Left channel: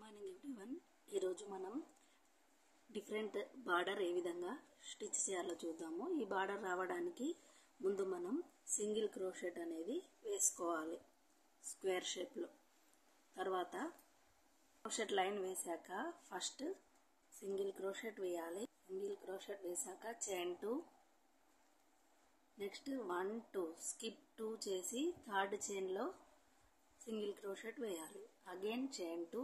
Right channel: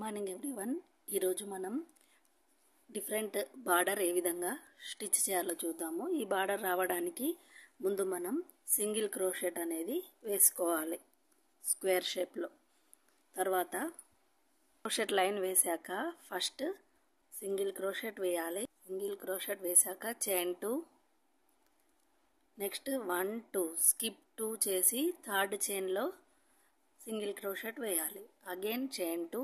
Morning everyone. ఈరోజు మనం different border ఏ విధంగా స్టిచ్ చేయాలో చూద్దాము. ఈ బార్డర్ రావడానికి ముందు మనం సింగిల్ క్రోషెట్ అనేది వేసుకోవాలి స్క్వేర్ షేప్లో. తర్వాత క్రోషెట్ లైన్ వేసాక ఫస్ట్ సింగిల్ క్రోషెట్ వేయాలి. సింగిల్ క్రోషెట్ వేసాక చైన్ 2, నెక్స్ట్ 1 2 స్కిప్ 2 చేసి థర్డ్ చైన్లో సింగిల్ క్రోషెట్ వేయాలి. అగైన్ చైన్ 2,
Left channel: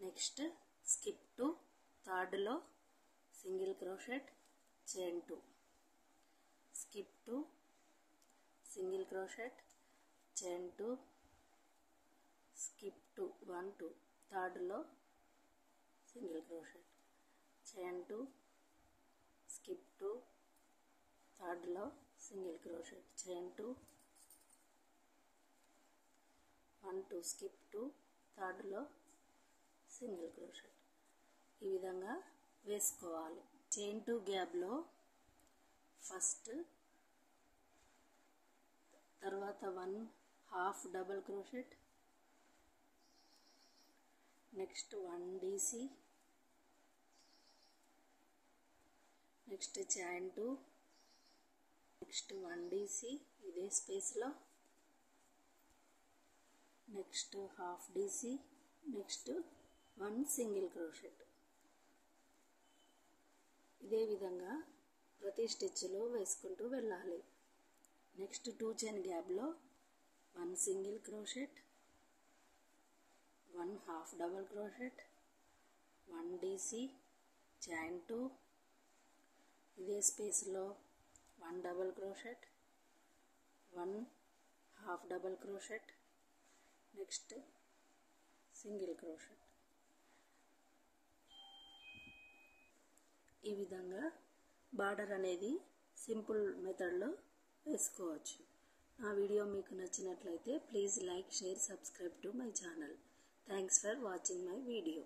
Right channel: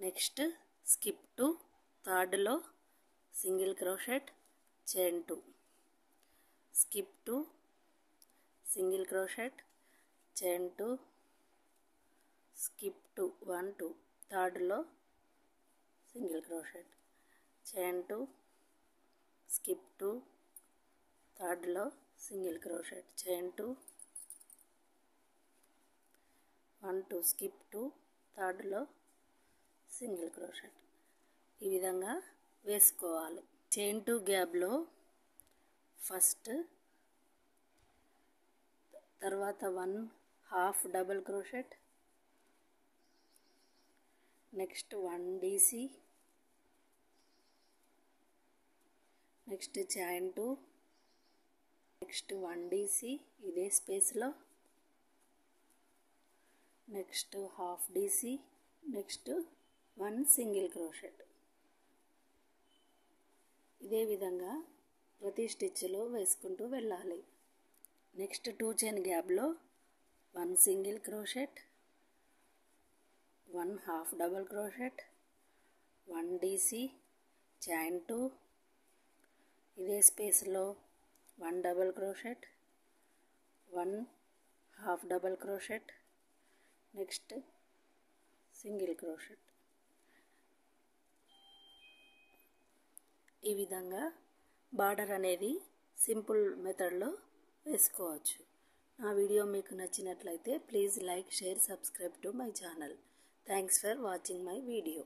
నెక్స్ట్ స్కిప్ 2, థర్డ్లో single crochet, chain 2, skip 2, single crochet, chain 2, skip 2 1 2, థర్డ్లో సింగిల్ క్రోషెట్, చైన్ 2, స్కిప్ 2, థర్డ్లో సింగిల్ క్రోషెట్, చైన్ 2, 1 2 స్కిప్ 2, థర్డ్లో single crochet. ఈ విధంగా వేసుకోవాలి. చైన్ 2 గ్యాప్లో ఫస్ట్, తర్వాత 1/2 double crochet, next 1 DC, next chain 2, next 1 DC ఇదే స్పేస్లో, next 1/2 DC, next 1 single crochet. ఇదే విధంగా ప్రతి స్టిచ్లో వేసుకుంటూ వెళ్ళాలి. నెక్స్ట్ 2 చైన్ గ్యాప్లో 1 single crochet, 1/2 double crochet, 1 DC, chain 2, ఇదే స్పేస్లో 1 double crochet, 1/2 double crochet, next single crochet. ఈ విధంగా బార్డర్ అనేది సింపుల్ మెథడ్లో వేసుకోవచ్చు. నా వీడియో మీకు నచ్చినట్లయితే please like, share, subscribe to my channel. Thanks for watching my video.